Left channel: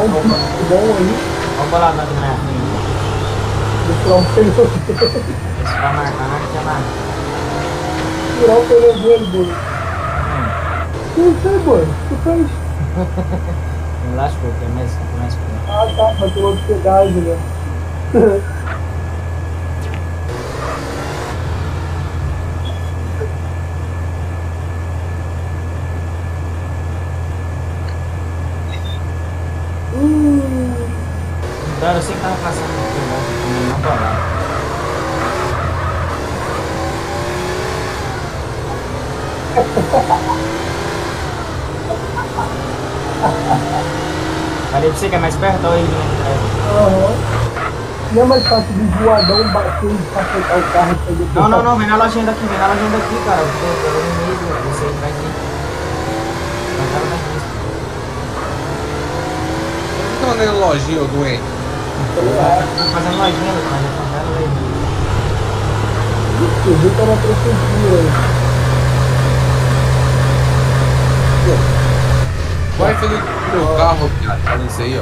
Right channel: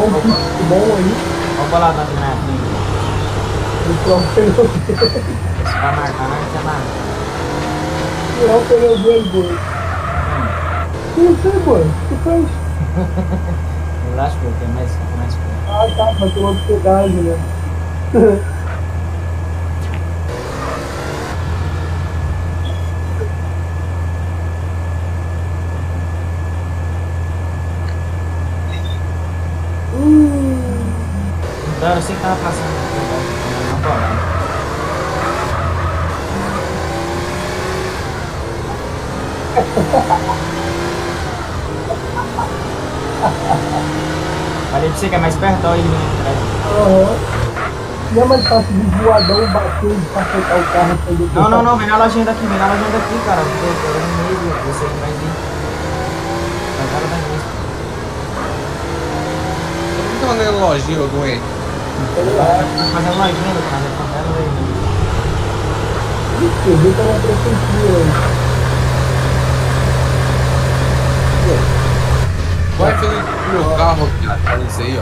tomar um Opa, pico bom aí. vamos lá na minha frente. Tirar o pneu, Você vai marcar, né? Você marca. tirar o pneu dele, boi. Tá Não sei, boi. Tu fez? vendo? Relaxa, pô, tem mais coisa. Ah, tá, mas tu não ter gás, né? Então, eu sei que tava passando aqui embaixo, comendo uma bolada. Falei pra você que é mais perto, olha ele vindo atrás. Aham. Não é mais fácil de voadão bater e cacetar o carro pra ele Não, não, pegar. não, vem na lojinha daqui, cara. Eu vou no meio, você aí atrás aí. Vai cara da agência. Por que tá na lojinha, ô doente? Sei lá. Tá fazendo lojinha, meu cara, tá fazendo aí. Você viu que é uma prefeitura aí. Vai, Felipe, meu carro, cara. Olha isso aí, ó.